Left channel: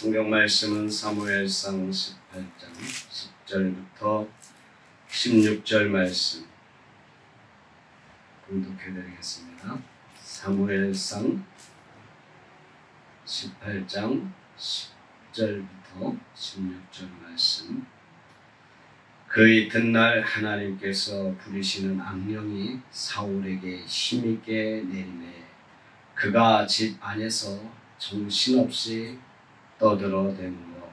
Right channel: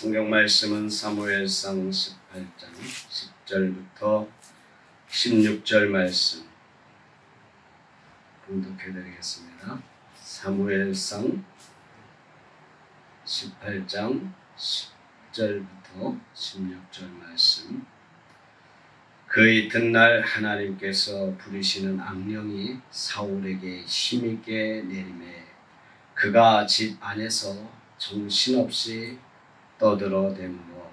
성경 말씀은 사무엘상 18장 10절부터 16절 말씀 봉독해 드리겠습니다. 사무엘상 18장 10절부터 16절 말씀. 그 이튿날 하나님께서 부르시는 악령이 사울에게 힘있게 내리매 그가 집 안에서 정신없이 떠들어대므로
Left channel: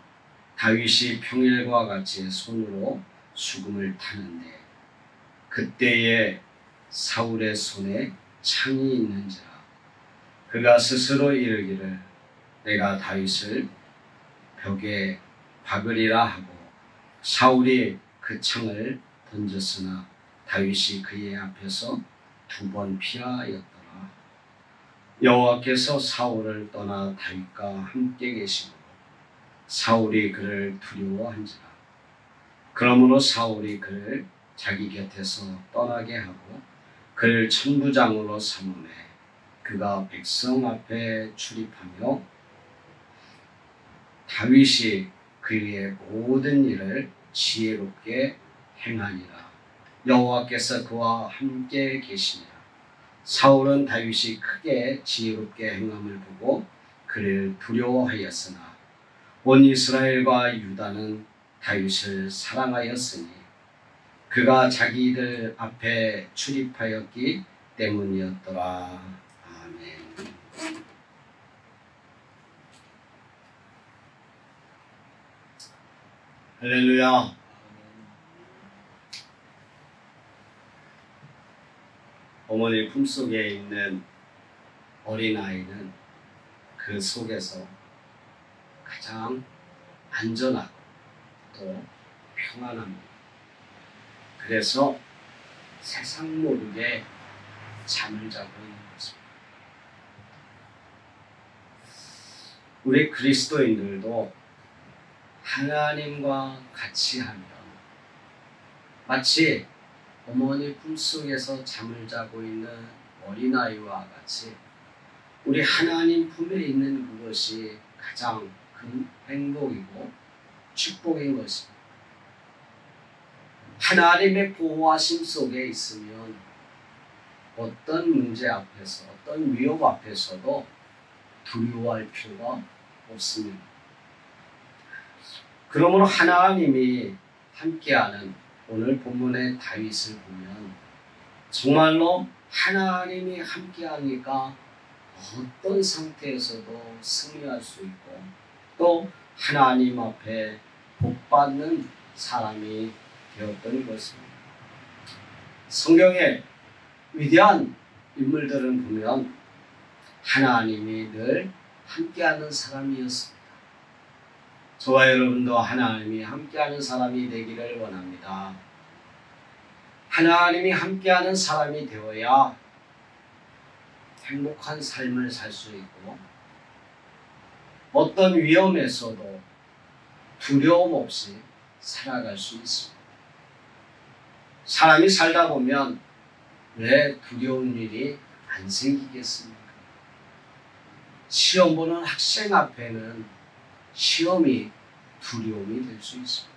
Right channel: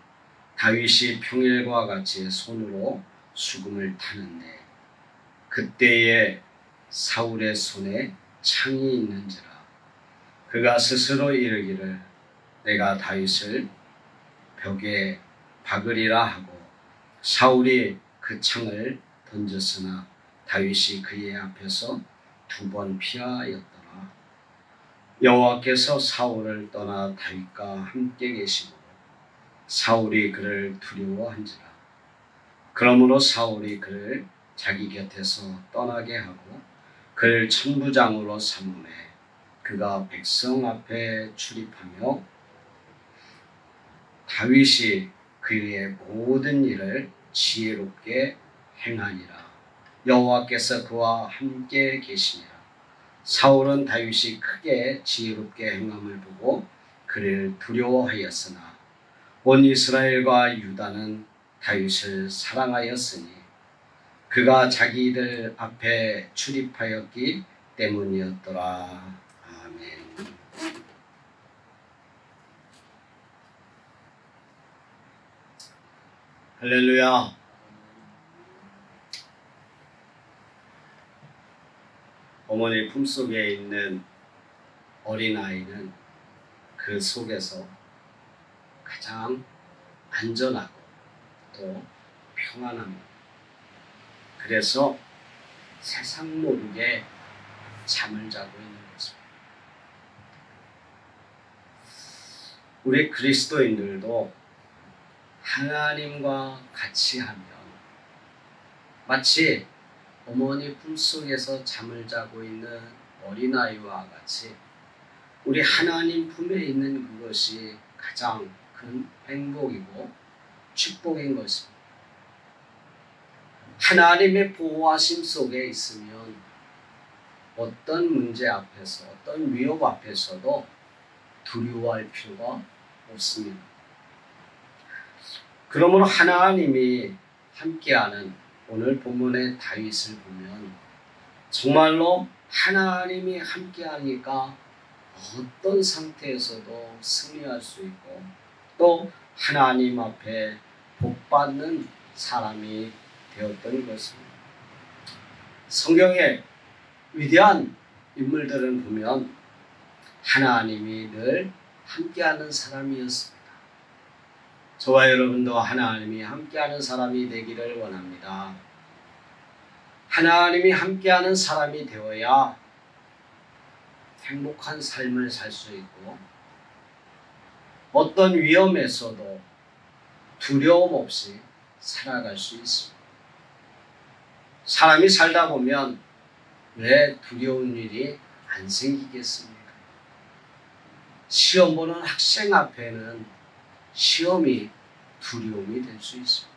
다윗이 평일과 같이 손으로 수금을 타는데 그때에 사울의 손에 창이 있는지라 그가 스스로 이르기를 내가 다윗을 벽에 박으리라 하고 사울이 그 창을 던졌으나 다윗이 그의 앞에서 2번 피하였더라. 여호와께서 사울을 떠나 다윗과 함께 계시고 사울이 그를 두려워한지라. 그러므로 사울이 그를 자기 곁에서 떠나게 하고 그를 천부장으로 삼음해 그가 백성 앞에 출입하며 다윗이 그의 모든 일을 지혜롭게 행하니라. 여호와께서 그와 함께 계시니라. 사울은 다윗이 크게 지혜롭게 행함을 보고 그를 두려워하였으나 온 이스라엘과 유다는 다윗을 사랑하였으니 그가 자기들 앞에 출입하였기 때문이었더라. 아멘. 할렐루야. 어머니 품속에 있는 어린아이는 그 속에서 가장 안전하고 또 평안합니다. 그래서 세상 모르게 잠을 자고 있는 것입니다. 우리 그리스도인들도 하나님과 같이 하면 마치 어머니 품속에서 잠을 자고 있는 어린아이와 같이 우리 하나님 품에 있는 그것이 가장 큰 행복이고 축복인 것입니다. 하나님의 보호하심 속에 있으면 어떤 문제 앞에서 어떤 위협 앞에서도 두려워할 필요가 없습니다. 그러므로 하나님이 함께하는 오늘 본문의 다윗을 보면 정말로 하나님이 함께하니까 어떤 상태에서도 승리할 수 있고 또 하나님 앞에 복받는 사람이 되었던 것입니다. 성경의 위대한 인물들은 보면 하나님이 늘 함께하는 사람이었습니다. 저와 여러분도 하나님이 함께하는 사람이 되기를 원합니다. 하나님이 함께하는 사람이 되어야 행복한 삶을 살 수 있고 어떤 위험에서도 두려움 없이 살아갈 수 있습니다. 사람이 살다 보면 왜 두려운 일이 안 생기겠습니까? 시험 보는 학생 앞에는 시험이 두려움이 될 수 있습니다.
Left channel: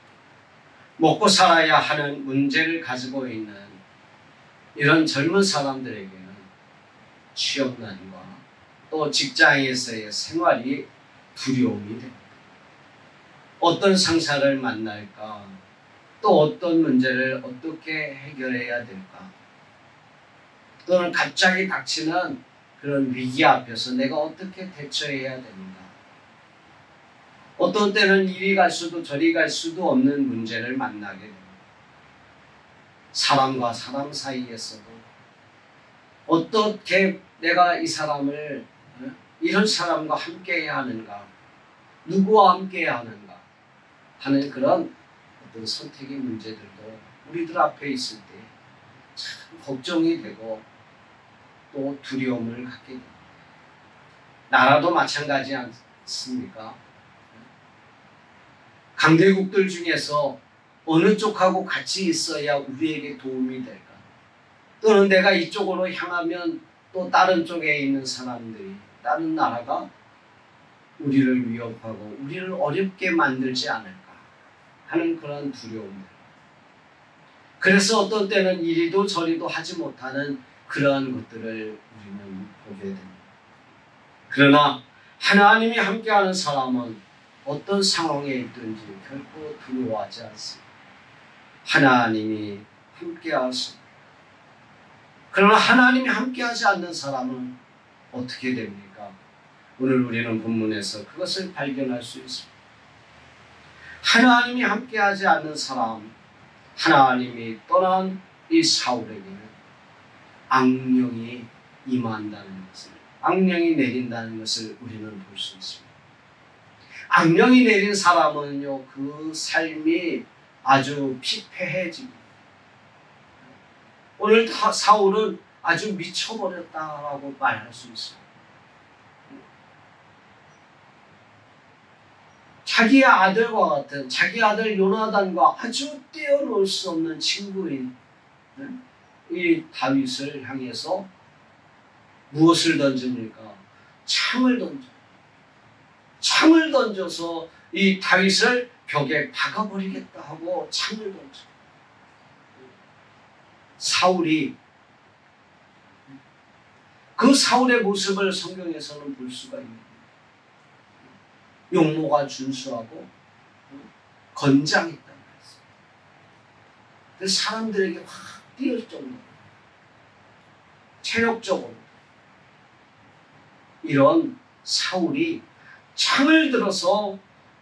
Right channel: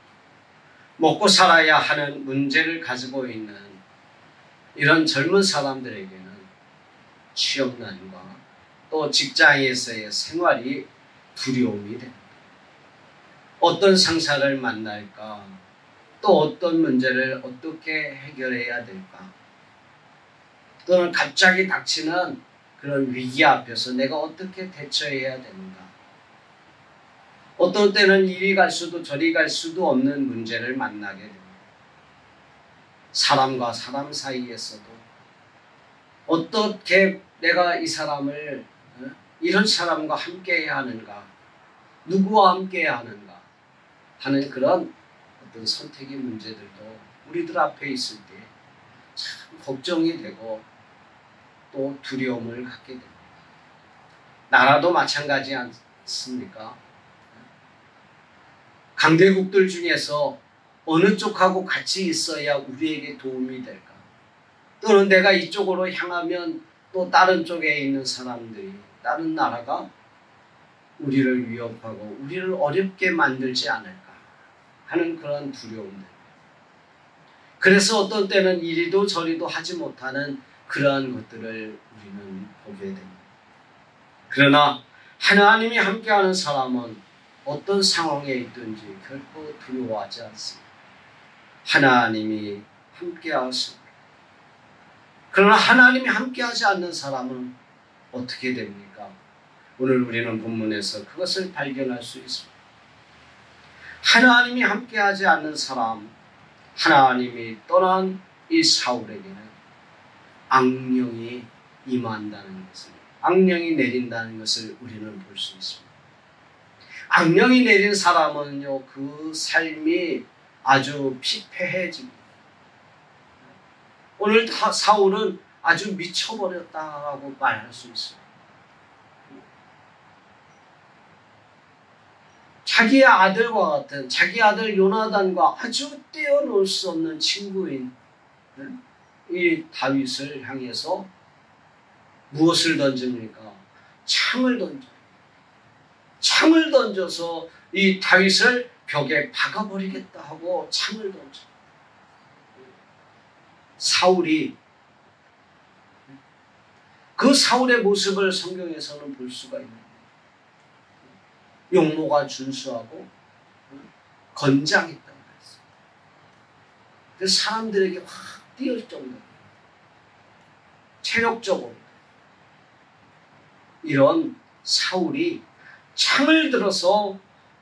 먹고 살아야 하는 문제를 가지고 있는 이런 젊은 사람들에게는 취업난과 또 직장에서의 생활이 두려움이 됩니다. 어떤 상사를 만날까? 또 어떤 문제를 어떻게 해결해야 될까? 또는 갑자기 닥치는 그런 위기 앞에서 내가 어떻게 대처해야 되는가? 어떤 때는 이리 갈 수도 저리 갈 수도 없는 문제를 만나게 됩니다. 사람과 사람 사이에서도 어떻게 내가 이 사람을 이런 사람과 함께해야 하는가? 누구와 함께해야 하는가? 하는 그런 어떤 선택의 문제들도 우리들 앞에 있을 때 참 걱정이 되고 또 두려움을 갖게 됩니다. 나라도 마찬가지 않습니까? 강대국들 중에서 어느 쪽하고 같이 있어야 우리에게 도움이 될까? 또는 내가 이쪽으로 향하면 또 다른 쪽에 있는 사람들이, 다른 나라가 우리를 위협하고 우리를 어렵게 만들지 않을까 하는 그런 두려움들. 그래서 어떤 때는 이리도 저리도 하지 못하는 그러한 것들을 우리는 보게 됩니다. 그러나 하나님이 함께하는 사람은 어떤 상황에 있든지 결코 두려워하지 않습니다. 하나님이 함께하십니다. 그러나 하나님이 함께하지 않는 사람은 어떻게 됩니까? 오늘 우리는 본문에서 그것을 발견할 수 있습니다. 하나님이 함께하지 않는 사람, 하나님이 떠난 이 사울에게는 악령이 임한다는 것을, 악령이 내린다는 것을 우리는 볼 수 있습니다. 악령이 내린 사람은요, 그 삶이 아주 피폐해집니다. 오늘 사울은 아주 미쳐버렸다라고 말할 수 있습니다. 자기의 아들과 같은, 자기 아들 요나단과 아주 떼어놓을 수 없는 친구인 이 다윗을 향해서 무엇을 던집니까? 창을 던져요. 창을 던져서 이 다윗을 벽에 박아버리겠다 하고 창을 던져요. 사울이, 그 사울의 모습을 성경에서는 볼 수가 있습니다. 용모가 준수하고 건장했다고 했어요. 그래서 사람들에게 확 뛰을 정도로 체력적으로 이런 사울이 창을 들어서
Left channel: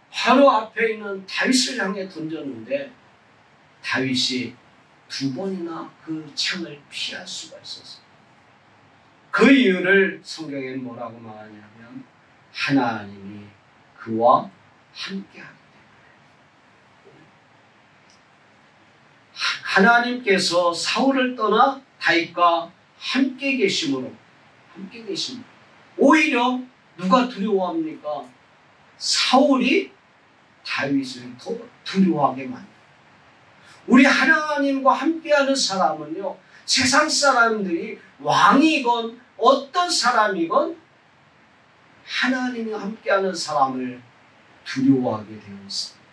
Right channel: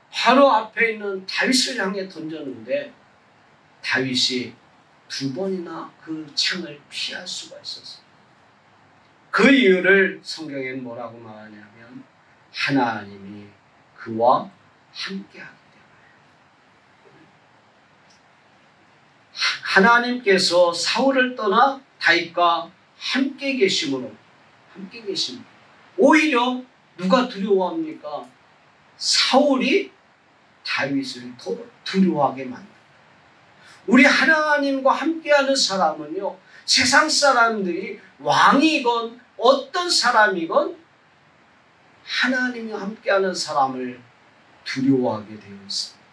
바로 앞에 있는 다윗을 향해 던졌는데 다윗이 2번이나 그 창을 피할 수가 있었어요. 그 이유를 성경에는 뭐라고 말하냐면 하나님이 그와 함께하기 때문에. 하나님께서 사울을 떠나 다윗과 함께 계심으로, 오히려 누가 두려워합니까? 사울이 다윗을 더 두려워하게 만듭니다. 우리 하나님과 함께하는 사람은요, 세상 사람들이 왕이건 어떤 사람이건 하나님이 함께하는 사람을 두려워하게 되어 있습니다.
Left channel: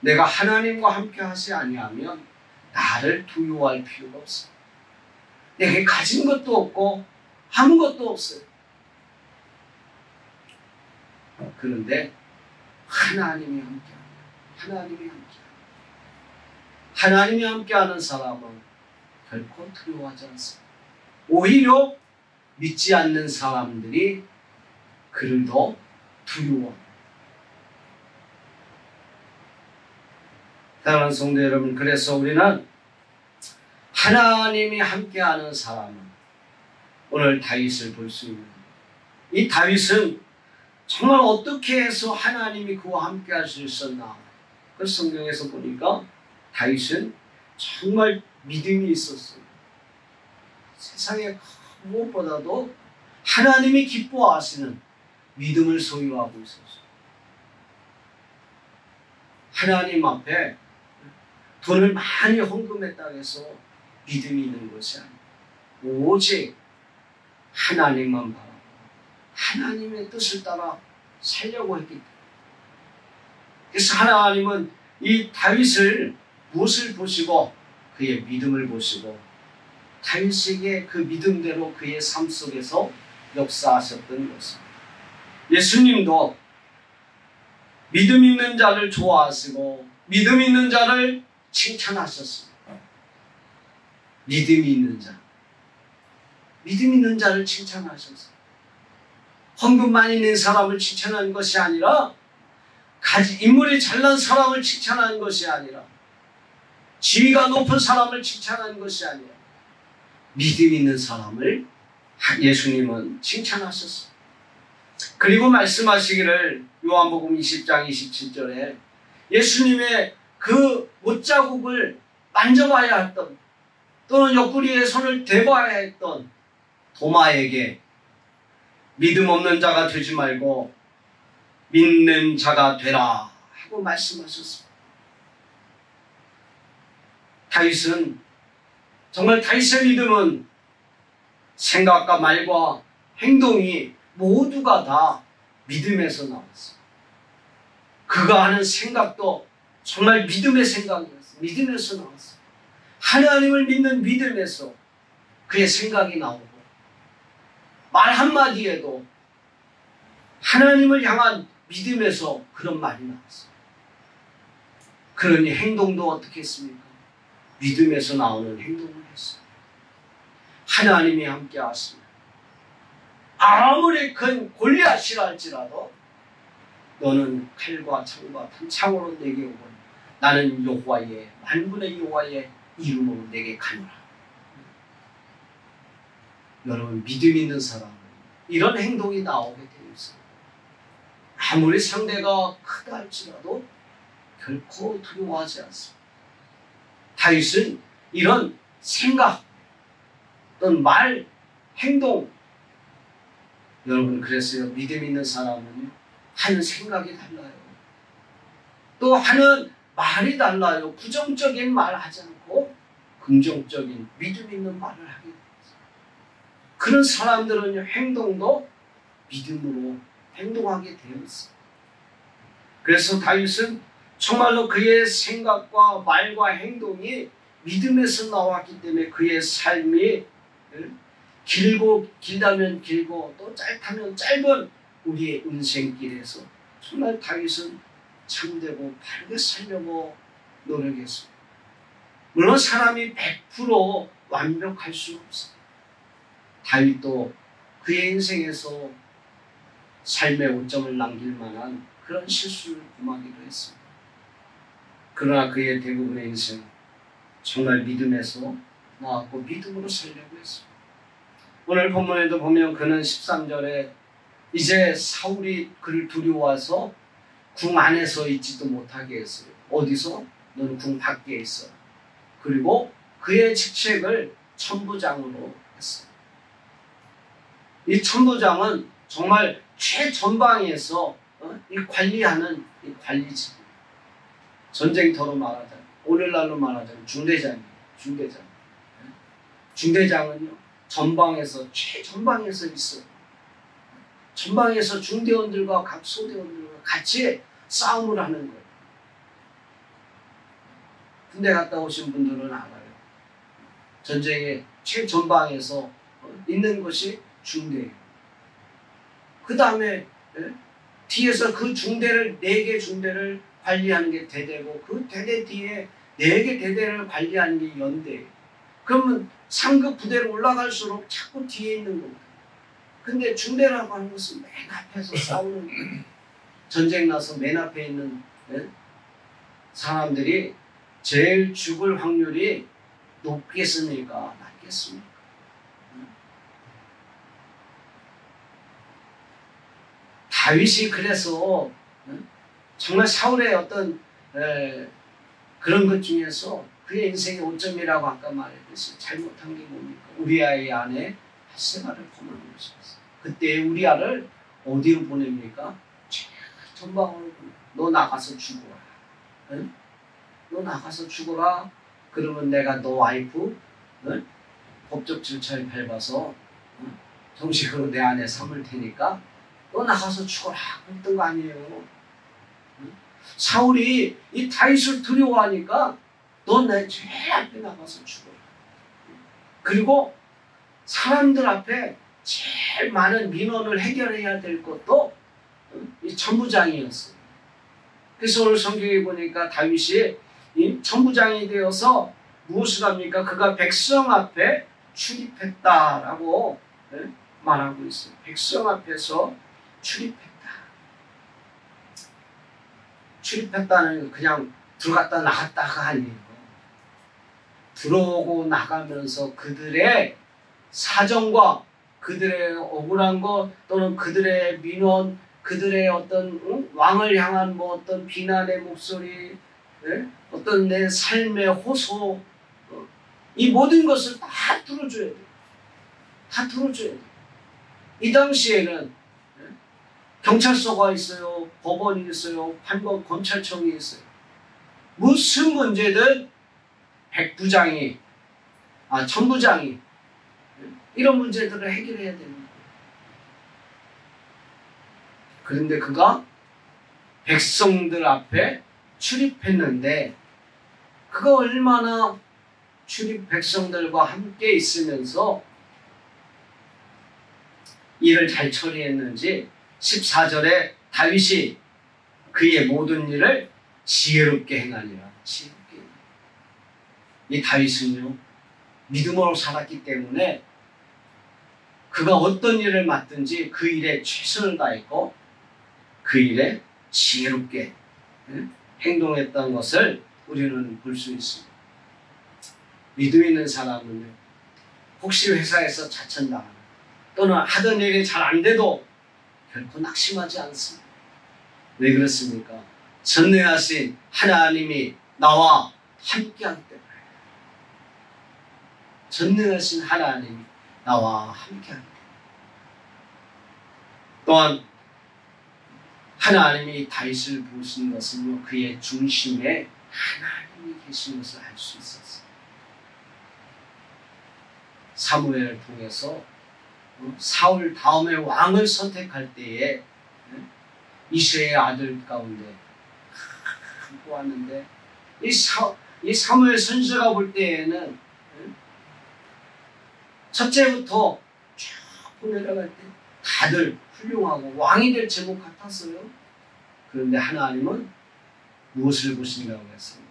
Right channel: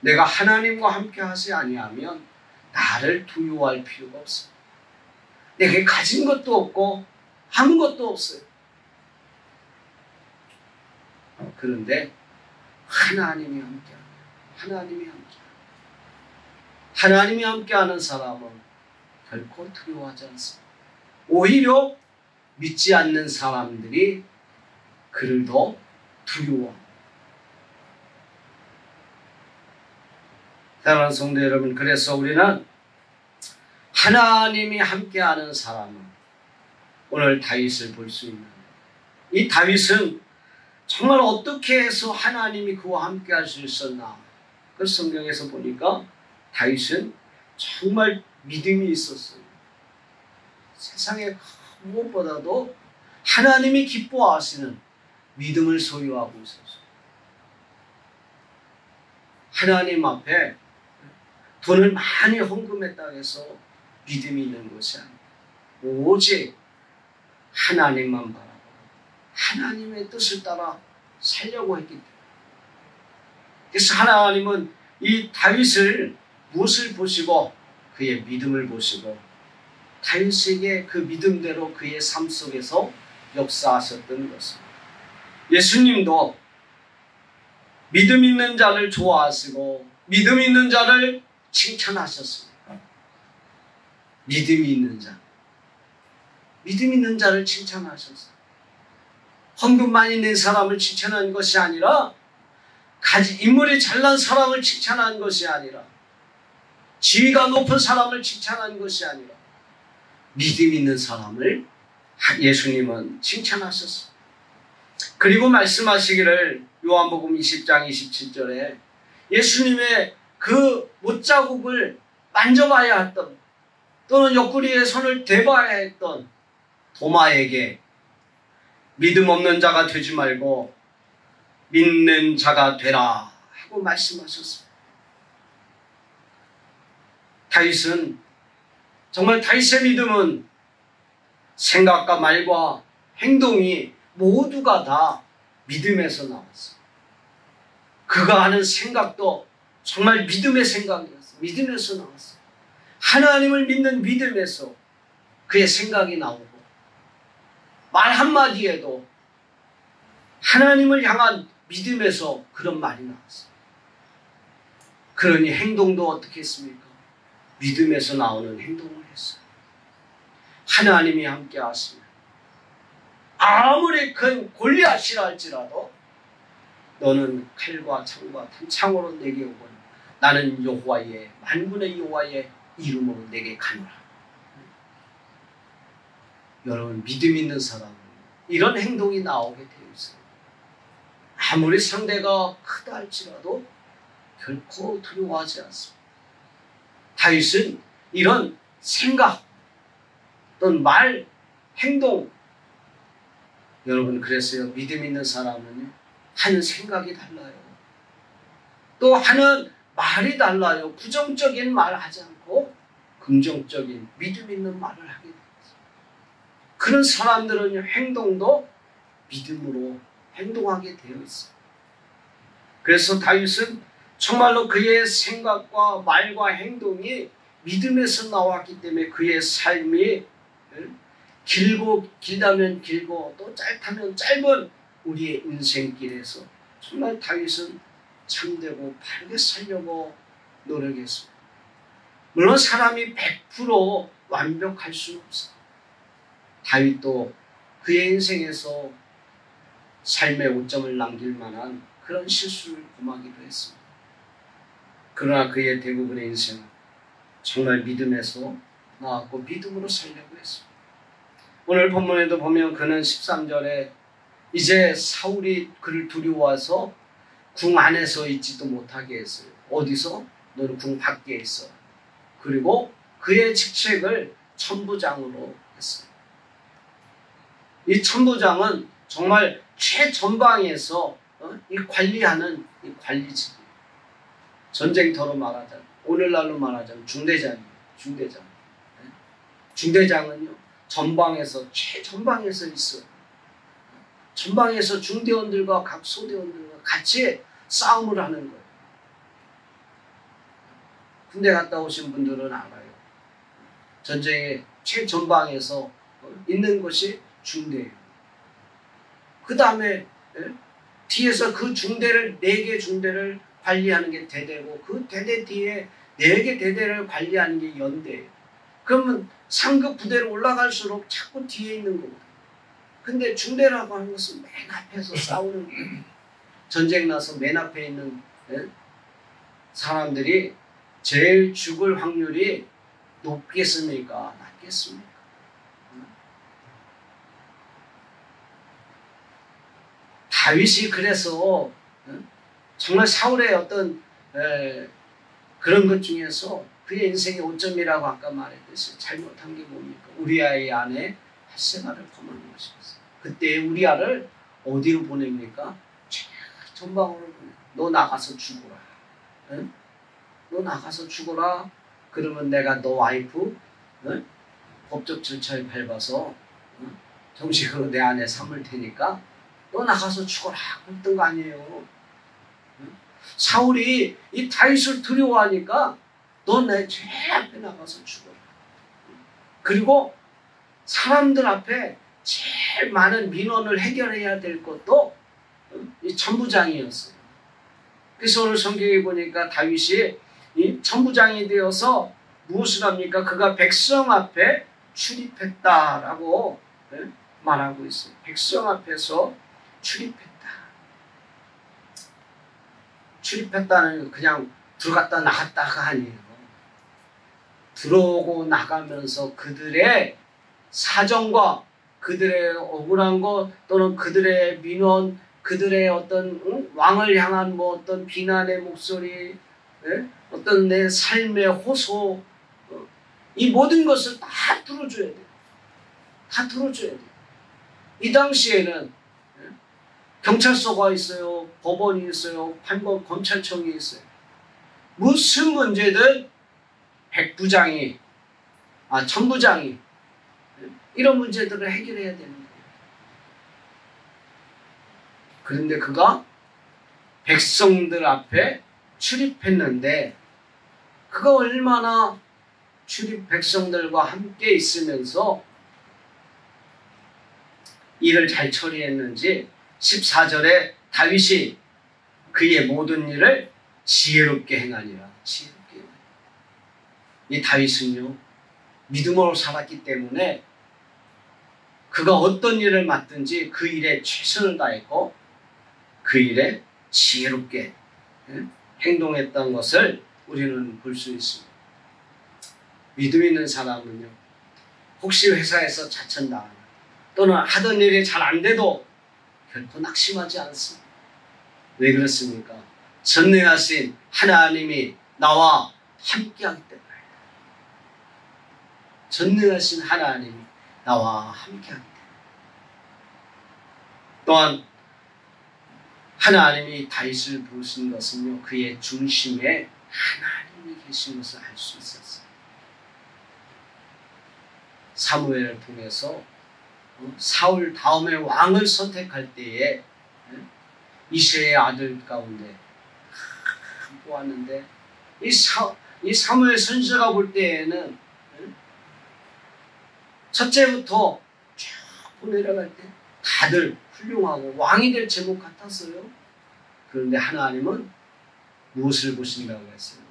내가 하나님과 함께하지 아니하면 나를 두려워할 필요가 없습니다. 내게 가진 것도 없고 아무것도 없어요. 그런데 하나님이 함께합니다. 하나님이 함께하는 사람은 결코 두려워하지 않습니다. 오히려 믿지 않는 사람들이 그를 더 두려워합니다. 사랑하는 성도 여러분, 그래서 우리는 하나님이 함께하는 사람은 오늘 다윗을 볼 수 있는, 이 다윗은 정말 어떻게 해서 하나님이 그와 함께할 수 있었나? 그 성경에서 보니까 다윗은 정말 믿음이 있었어요. 세상에 무엇보다도 하나님이 기뻐하시는 믿음을 소유하고 있었어요. 하나님 앞에 돈을 많이 헌금했다고 해서 믿음이 있는 것이 아니에요. 오직 하나님만 바라고 하나님의 뜻을 따라 살려고 했기 때문에. 그래서 하나님은 이 다윗을 무엇을 보시고 그의 믿음을 보시고 다윗에게 그 믿음대로 그의 삶 속에서 역사하셨던 것입니다. 예수님도 믿음 있는 자를 좋아하시고 믿음 있는 자를 칭찬하셨습니다. 믿음이 있는 자, 믿음 있는 자를 칭찬하셨어요. 헌금 많이 낸 사람을 칭찬하는 것이 아니라 인물이 잘난 사람을 칭찬하는 것이 아니라 지위가 높은 사람을 칭찬하는 것이 아니라 믿음 있는 사람을 예수님은 칭찬하셨어요. 그리고 말씀하시기를 요한복음 20장 27절에 예수님의 그 못자국을 만져봐야 했던 또는 옆구리에 손을 대봐야 했던 도마에게 믿음 없는 자가 되지 말고 믿는 자가 되라 하고 말씀하셨습니다. 다윗은 정말 다윗의 믿음은 생각과 말과 행동이 모두가 다 믿음에서 나왔어요. 그가 하는 생각도 정말 믿음의 생각이었어요. 믿음에서 나왔어요. 하나님을 믿는 믿음에서 그의 생각이 나오고 말 한마디에도 하나님을 향한 믿음에서 그런 말이 나왔어요. 그러니 행동도 어떻게 했습니까? 믿음에서 나오는 행동을 했어요. 하나님이 함께 하시면 아무리 큰 골리앗이라 할지라도 너는 칼과 창과 탄창으로 내게 오거늘 나는 여호와의 만군의 여호와의 이름으로 내게 가노라. 여러분 믿음 있는 사람은 이런 행동이 나오게 되어 있어요. 아무리 상대가 크다 할지라도 결코 두려워하지 않습니다. 다윗은 이런 생각 또는 말, 행동 여러분 그랬어요. 믿음 있는 사람은 하는 생각이 달라요. 또 하는 말이 달라요. 부정적인 말을 하지 않고 긍정적인 믿음 있는 말을 하게 됩니다. 그런 사람들은 행동도 믿음으로 행동하게 되어 있어요. 그래서 다윗은 정말로 그의 생각과 말과 행동이 믿음에서 나왔기 때문에 그의 삶이 길다면 길고 또 짧다면 짧은 우리의 인생길에서 정말 다윗은 참되고 바르게 살려고 노력했습니다. 물론 사람이 100% 완벽할 수는 없어요. 다윗도 그의 인생에서 삶의 오점을 남길 만한 그런 실수를 범하기도 했습니다. 그러나 그의 대부분의 인생 정말 믿음에서 나왔고 믿음으로 살려고 했습니다. 오늘 본문에도 보면 그는 13절에 이제 사울이 그를 두려워서 궁 안에서 있지도 못하게 했어요. 어디서? 너는 궁 밖에 있어. 그리고 그의 직책을 천부장으로 했어요. 이 천부장은 정말 최전방에서 이 관리하는 이 관리직. 전쟁터로 말하자면 오늘날로 말하자면 중대장이에요. 중대장. 중대장은요 전방에서 최전방에서 있어요. 전방에서 중대원들과 각 소대원들과 같이 싸움을 하는 거예요. 군대 갔다 오신 분들은 알아요. 전쟁의 최전방에서 있는 것이 중대예요. 그 다음에 뒤에서 그 중대를 4개 중대를 관리하는 게 대대고 그 대대 뒤에 4개 대대를 관리하는 게 연대예요. 그러면 상급 부대로 올라갈수록 자꾸 뒤에 있는 겁니다. 근데 중대라고 하는 것은 맨 앞에서 싸우는 거예요. 전쟁 나서 맨 앞에 있는 사람들이 제일 죽을 확률이 높겠습니까? 낮겠습니까? 다윗이 그래서 정말 사울의 어떤 그런 것 중에서 그의 인생의 오점이라고 아까 말했듯이 잘못한 게 뭡니까? 우리아의 아내 핫세바를 범한 것이었어요. 그때 우리아를 어디로 보냅니까? 전방으로 보내. 너 나가서 죽어라. 응? 너 나가서 죽어라. 그러면 내가 너 와이프 법적 절차에 밟아서 정식으로 내 안에 삼을 테니까 너 나가서 죽어라. 그랬던 거 아니에요. 사울이 이 다윗을 두려워하니까 너 내 제일 앞에 나가서 죽어라. 그리고 사람들 앞에 제일 많은 민원을 해결해야 될 것도 이 천부장이었어요. 그래서 오늘 성경에 보니까 다윗이 이 천부장이 되어서 무엇을 합니까? 그가 백성 앞에 출입했다라고 말하고 있어요. 백성 앞에서 출입했다. 출입했다는 그냥 들어갔다 나갔다가 아니에요. 들어오고 나가면서 그들의 사정과 그들의 억울한 것 또는 그들의 민원, 그들의 어떤 왕을 향한 뭐 어떤 비난의 목소리, 어떤 내 삶의 호소, 이 모든 것을 다 들어줘야 돼요. 다 들어줘야 돼요. 이 당시에는 경찰서가 있어요. 법원이 있어요. 판법 검찰청이 있어요. 무슨 문제든 백부장이, 천부장이 이런 문제들을 해결해야 됩니다. 그런데 그가 백성들 앞에 출입했는데 그가 얼마나 백성들과 함께 있으면서 일을 잘 처리했는지 14절에 다윗이 그의 모든 일을 지혜롭게 행하니라. 지혜롭게. 이 다윗은요, 믿음으로 살았기 때문에 그가 어떤 일을 맡든지 그 일에 최선을 다했고 그 일에 지혜롭게 행동했던 것을 우리는 볼 수 있습니다. 믿음 있는 사람은요, 혹시 회사에서 자천당하면 또는 하던 일이 잘 안 돼도 결코 낙심하지 않습니다. 왜 그렇습니까? 전능하신 하나님이 나와 함께하기 때문에. 전능하신 하나님이 나와 함께하기 때문에. 또한 하나님이 다윗을 부르신 것은요, 그의 중심에 하나님이 계신 것을 알 수 있었어요. 사무엘을 통해서 사울 다음에 왕을 선택할 때에 이새의 아들 가운데 보았는데 이 사무엘 선지자가 볼 때에는 첫째부터 쭉 내려갈 때 다들 훌륭하고 왕이 될 제목 같았어요. 그런데 하나님은 무엇을 보신다고 했어요?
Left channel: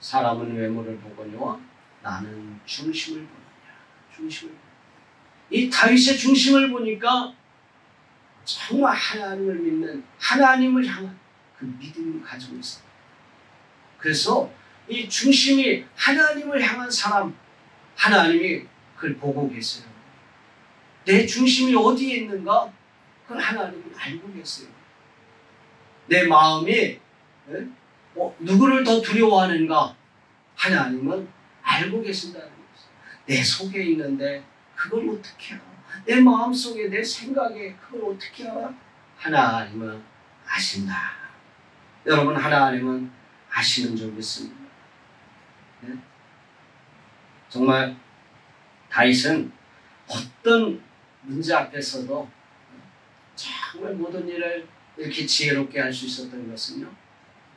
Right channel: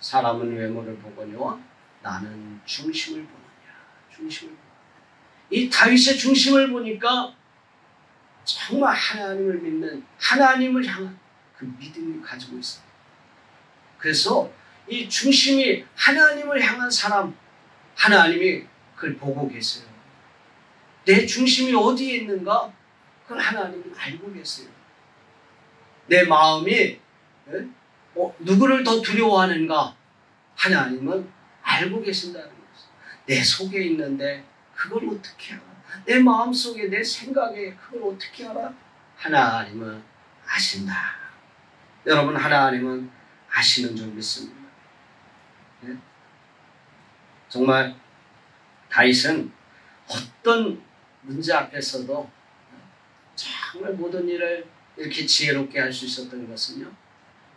사람은 외모를 보거니와 나는 중심을 보느냐. 중심을. 이 다윗의 중심을 보니까 정말 하나님을 믿는, 하나님을 향한 그 믿음을 가지고 있어요. 그래서 이 중심이 하나님을 향한 사람, 하나님이 그걸 보고 계세요. 내 중심이 어디에 있는가? 그걸 하나님은 알고 계세요. 내 마음이 누구를 더 두려워하는가? 하나님은 알고 계신다는 거죠. 내 속에 있는데 그걸 어떻게 알아? 내 마음속에, 내 생각에 그걸 어떻게 알아? 하나님은 아신다. 여러분, 하나님은 아시는 줄 믿습니다. 네? 정말 다윗은 어떤 문제 앞에서도 정말 모든 일을 이렇게 지혜롭게 할 수 있었던 것은요,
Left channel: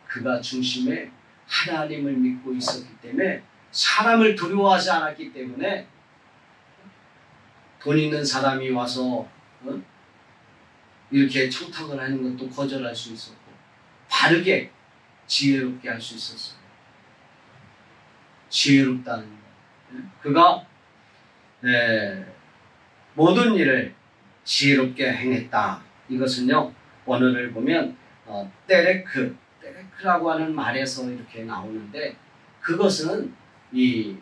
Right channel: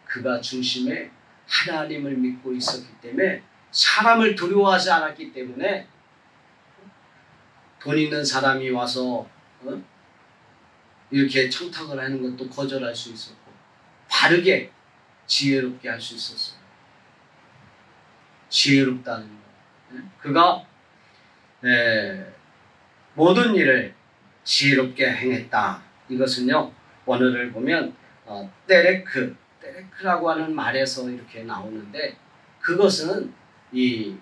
그가 중심에 하나님을 믿고 있었기 때문에, 사람을 두려워하지 않았기 때문에 돈 있는 사람이 와서 이렇게 청탁을 하는 것도 거절할 수 있었고 바르게 지혜롭게 할 수 있었어요. 지혜롭다는 것. 그가 모든 일을 지혜롭게 행했다. 이것은요, 원어를 보면 때레크라고 하는 말에서 이렇게 나오는데, 그것은 이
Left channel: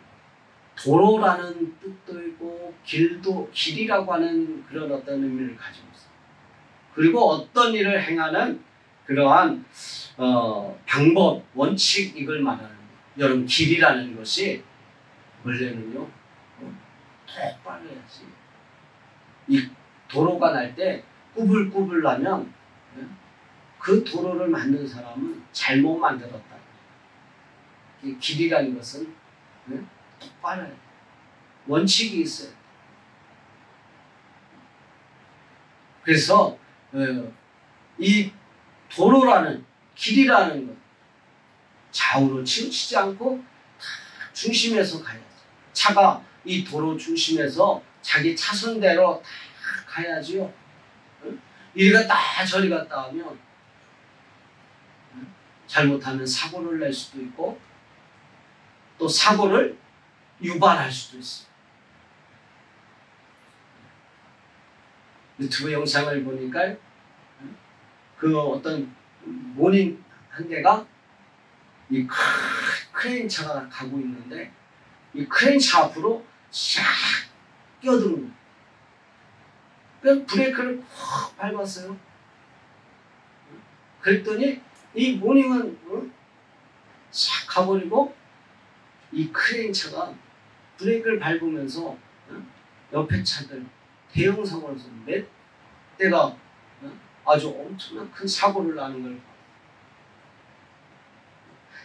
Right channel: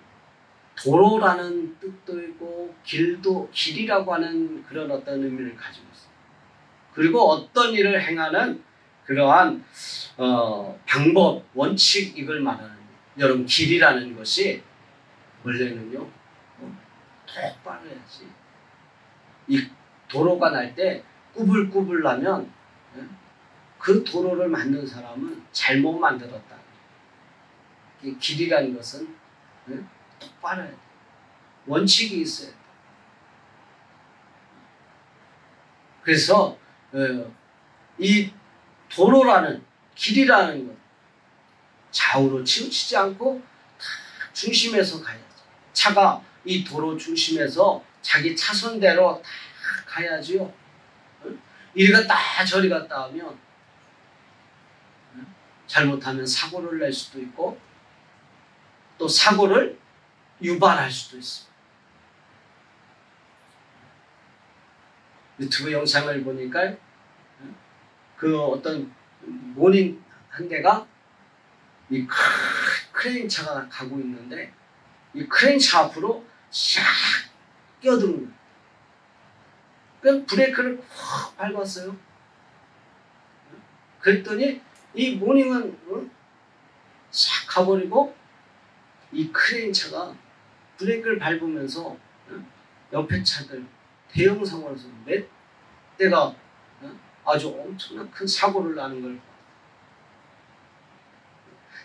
도로라는 뜻도 있고 길이라고 하는 그런 어떤 의미를 가지고 있어요. 그리고 어떤 일을 행하는 그러한 방법, 원칙, 이걸 말하는 거예요. 여러분, 길이라는 것이 원래는요, 똑바로 해야지. 이 도로가 날 때 꾸불꾸불 나면 그 도로를 만든 사람은 잘못 만들었다. 길이라는 것은 똑바로 해야 돼. 원칙이 있어야 돼. 그래서 이 도로라는, 길이라는 것, 좌우로 치우치지 않고 다 중심에서 가야지. 차가 이 도로 중심에서 자기 차선대로 다 가야지요. 이리 갔다 저리 갔다 하면 잘못하면 사고를 낼 수도 있고 또 사고를 유발할 수도 있어요. 유튜브 영상을 보니까 그 어떤 모닝 한 대가 이 크레인 차가 가고 있는데 이 크레인 차 앞으로 샥 끼어드는 거예요. 그래서 브레이크를 확 밟았어요. 그랬더니 이 모닝은 싹 가버리고 이 크레인 차가 브레이크를 밟으면서 옆에 차들 대형 사고를 해서 몇 대가 아주 엄청난 큰 사고를 나는 걸 봐요.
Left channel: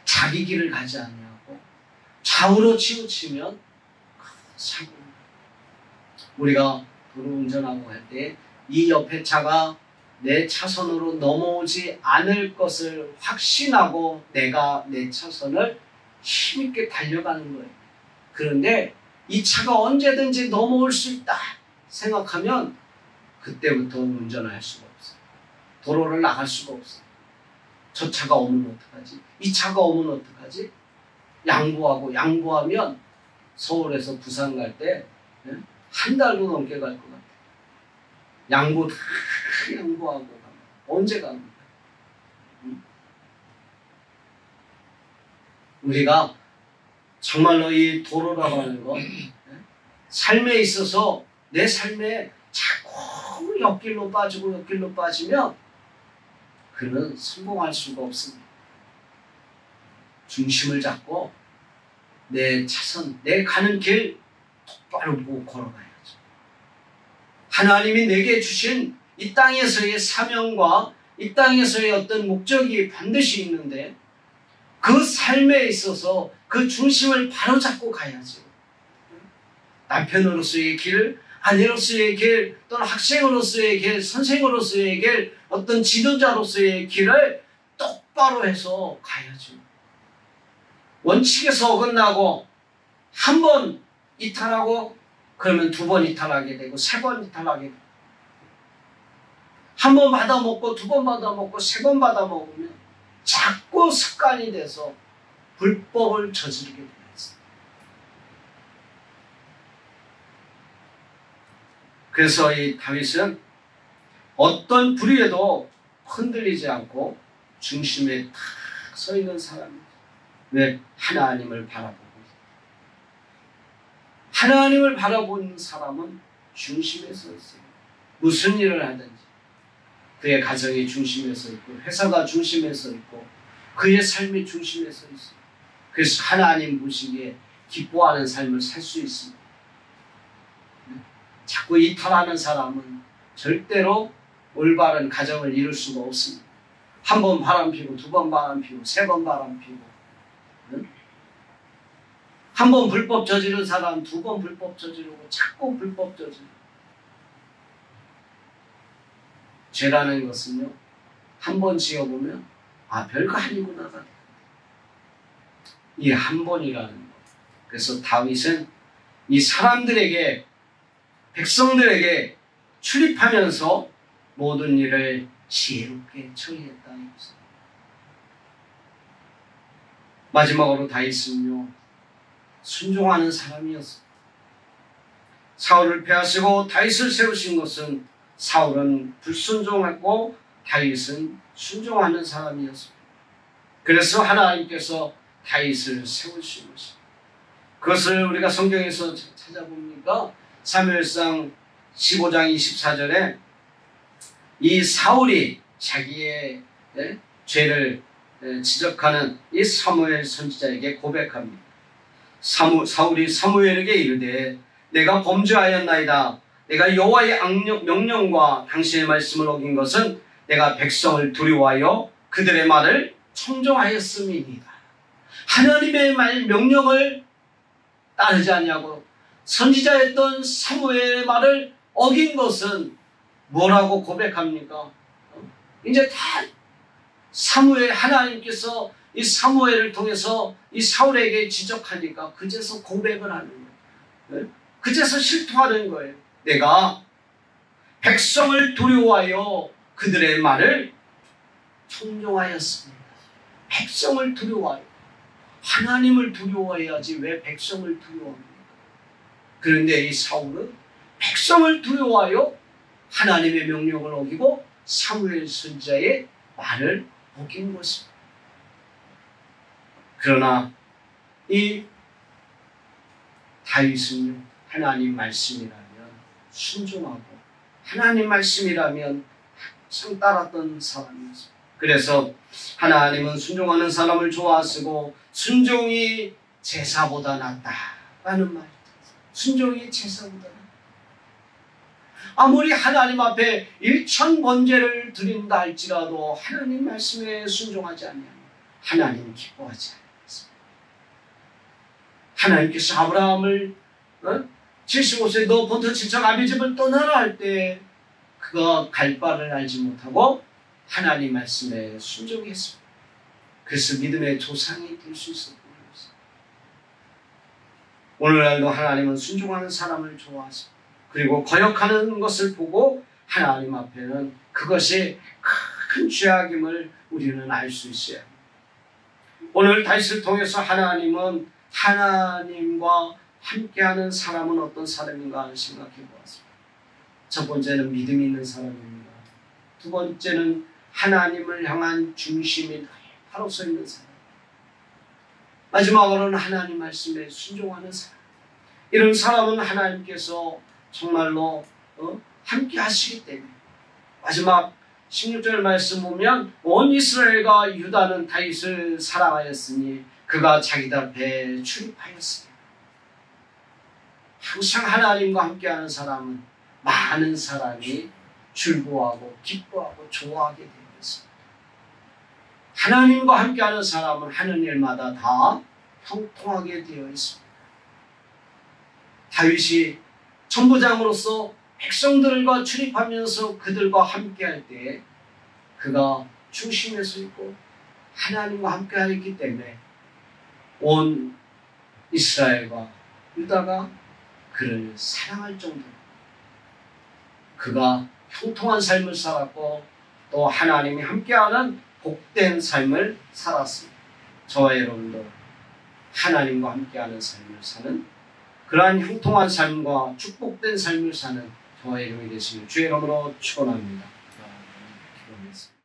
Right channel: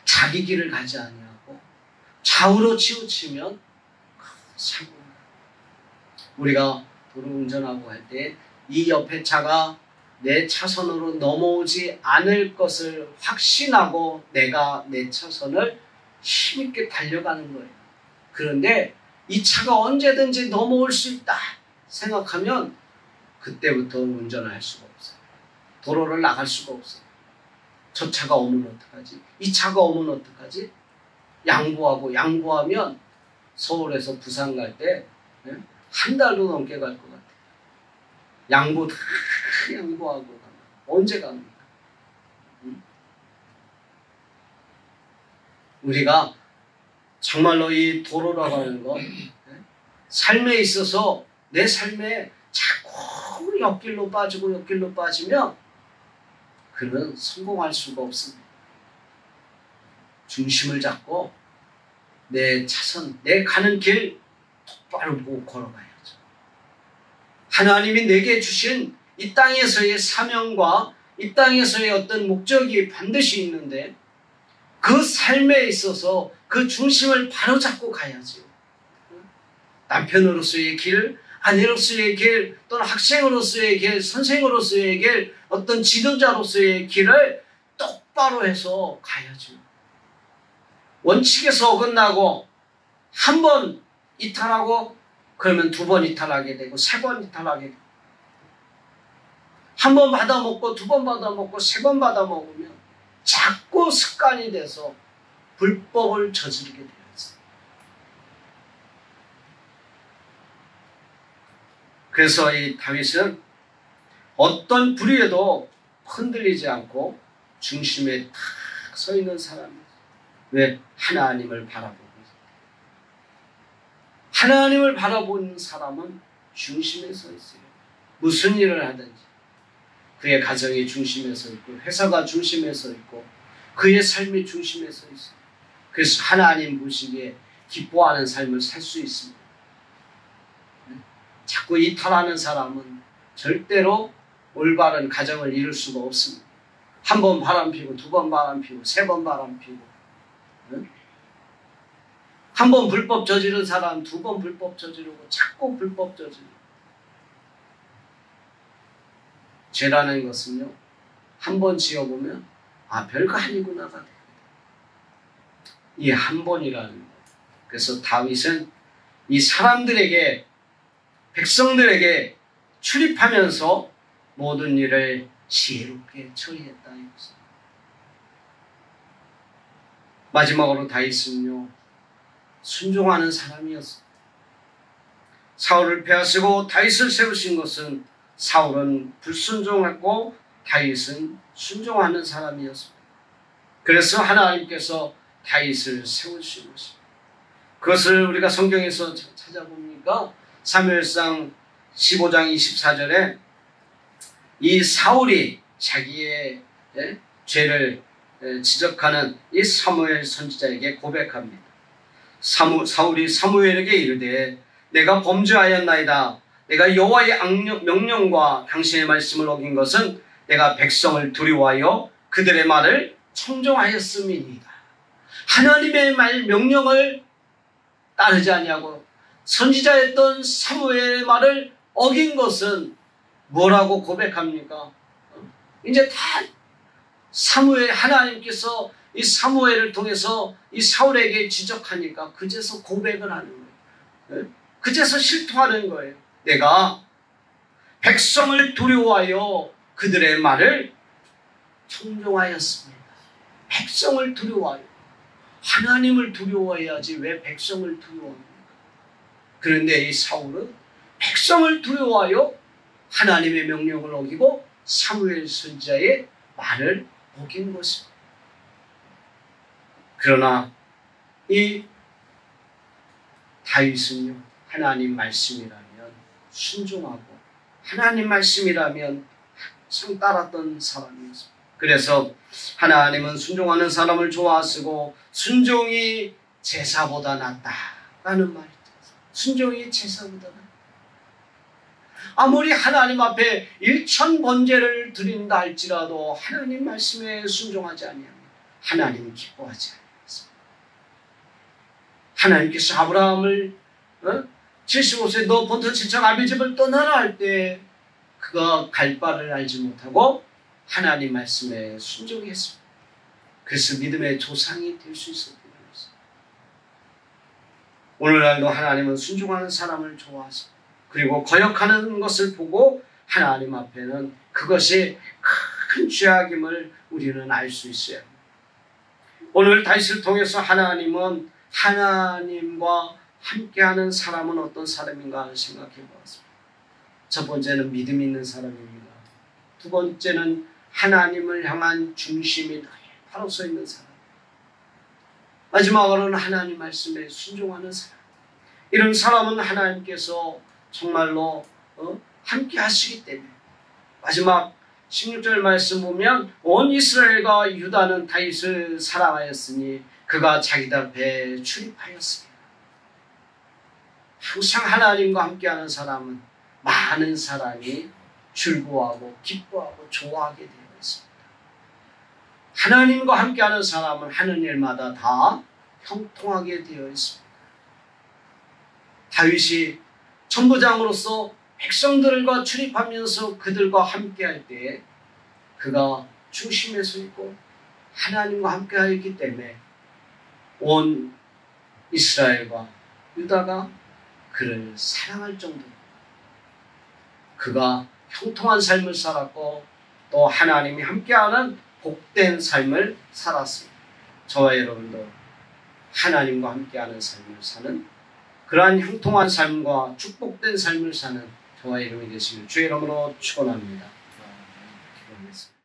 자기 길을 가지 아니하고 좌우로 치우치면 사고. 우리가 도로 운전하고 할 때 이 옆에 차가 내 차선으로 넘어오지 않을 것을 확신하고 내가 내 차선을 힘있게 달려가는 거예요. 그런데 이 차가 언제든지 넘어올 수 있다 생각하면 그때부터 운전을 할 수가 없어요. 도로를 나갈 수가 없어요. 저 차가 오면 어떡하지? 이 차가 오면 어떡하지? 양보하면 서울에서 부산 갈 때 한 달도 넘게 갈 것 같아요. 양보 다 양보하고 언제 갑니까? 우리가 정말로 이 도로라고 하는 거 삶에 있어서 내 삶에 자꾸 옆길로 빠지면 그는 성공할 수가 없습니다. 중심을 잡고 내 차선, 내 가는 길 똑바로 보고 걸어가야죠. 하나님이 내게 주신 이 땅에서의 사명과 이 땅에서의 어떤 목적이 반드시 있는데 그 삶에 있어서 그 중심을 바로잡고 가야지. 남편으로서의 길, 아내로서의 길, 또는 학생으로서의 길, 선생으로서의 길, 어떤 지도자로서의 길을 똑바로 해서 가야죠. 원칙에서 어긋나고 한 번 이탈하고 그러면 두 번 이탈하게 되고 세 번 이탈하게 되고 한 번 받아먹고 두 번 받아먹고 세 번 받아먹으면 자꾸 습관이 돼서 불법을 저지르게 되었어요. 그래서 이 다윗은 어떤 불의에도 흔들리지 않고 중심에 탁 서 있는 사람입니다. 왜? 하나님을 바라보고 하나님을 바라보는 사람은 중심에 서 있어요. 무슨 일을 하든지 그의 가정이 중심에 서 있고 회사가 중심에 서 있고 그의 삶이 중심에 서 있어요. 그래서 하나님 보시기에 기뻐하는 삶을 살 수 있습니다. 자꾸 이탈하는 사람은 절대로 올바른 가정을 이룰 수가 없습니다. 한 번 바람피고 두 번 바람피고 세 번 바람피고 한 번 불법 저지른 사람 두 번 불법 저지르고 자꾸 불법 저지르고 죄라는 것은요 한 번 지어보면 별거 아니구나가 돼요. 이게 한 번이라는 거. 그래서 다윗은 이 사람들에게 백성들에게 출입하면서 모든 일을 지혜롭게 처리했다. 마지막으로 다윗은요 순종하는 사람이었어요. 사울을 빼앗으고 다윗을 세우신 것은 사울은 불순종했고 다윗은 순종하는 사람이었습니다. 그래서 하나님께서 다윗을 세우신 것입니다. 그것을 우리가 성경에서 찾아보니까 사무엘상 15장 24절에 이 사울이 자기의 죄를 지적하는 이 사무엘 선지자에게 고백합니다. 사울이 사무엘에게 이르되 내가 범죄하였나이다. 내가 여호와의 명령과 당신의 말씀을 어긴 것은 내가 백성을 두려워하여 그들의 말을 청종하였음이니이다. 하나님의 명령을 따르지 아니하고 선지자였던 사무엘의 말을 어긴 것은 뭐라고 고백합니까? 이제 다 사무엘 하나님께서 이 사무엘을 통해서 이 사울에게 지적하니까 그제서 고백을 하는 거예요. 그제서 실토하는 거예요. 내가 백성을 두려워하여 그들의 말을 청종하였습니다. 백성을 두려워하여 하나님을 두려워해야지 왜 백성을 두려워합니까? 그런데 이 사울은 백성을 두려워하여 하나님의 명령을 어기고 사무엘 선지자의 말을 어긴 것입니다. 그러나 이 다윗은요 하나님 말씀이라면 순종하고 하나님 말씀이라면 항상 따랐던 사람이었습니다. 그래서 하나님은 순종하는 사람을 좋아하시고 순종이 제사보다 낫다라는 말이 있어요. 순종이 제사보다 낫다. 아무리 하나님 앞에 1000번제를 드린다 할지라도 하나님 말씀에 순종하지 아니하면 하나님 기뻐하지 않습니다. 하나님께서 아브라함을 75세 너부터 지척 아비 집을 떠나라 할 때 그가 갈 바를 알지 못하고 하나님 말씀에 순종했습니다. 그래서 믿음의 조상이 될 수 있었던 것입니다. 오늘날도 하나님은 순종하는 사람을 좋아하십니다. 그리고 거역하는 것을 보고 하나님 앞에는 그것이 큰 죄악임을 우리는 알 수 있어야 합니다. 오늘 다윗을 통해서 하나님은 하나님과 함께하는 사람은 어떤 사람인가 생각해 보았습니다. 첫 번째는 믿음 있는 사람입니다. 두 번째는 하나님을 향한 중심이 바로 서 있는 사람. 마지막으로는 하나님 말씀에 순종하는 사람. 이런 사람은 하나님께서 정말로 함께 하시기 때문에 마지막 16절 말씀 보면 온 이스라엘과 유다는 다윗을 사랑하였으니 그가 자기들 앞에 출입하였으니 항상 하나님과 함께하는 사람은 많은 사람이 즐거워하고 기뻐하고 좋아하게 되어 있습니다. 하나님과 함께하는 사람은 하는 일마다 다 형통하게 되어 있습니다. 다윗이 천부장으로서 백성들과 출입하면서 그들과 함께할 때에 그가 중심에 서 있고 하나님과 함께하였기 때문에 온 이스라엘과 유다가 그를 사랑할 정도로 그가 형통한 삶을 살았고 또 하나님이 함께하는 복된 삶을 살았습니다. 저와 여러분도 하나님과 함께하는 삶을 사는 그러한 형통한 삶과 축복된 삶을 사는 저와 여러분이 되시길 주의 이름으로 축원합니다.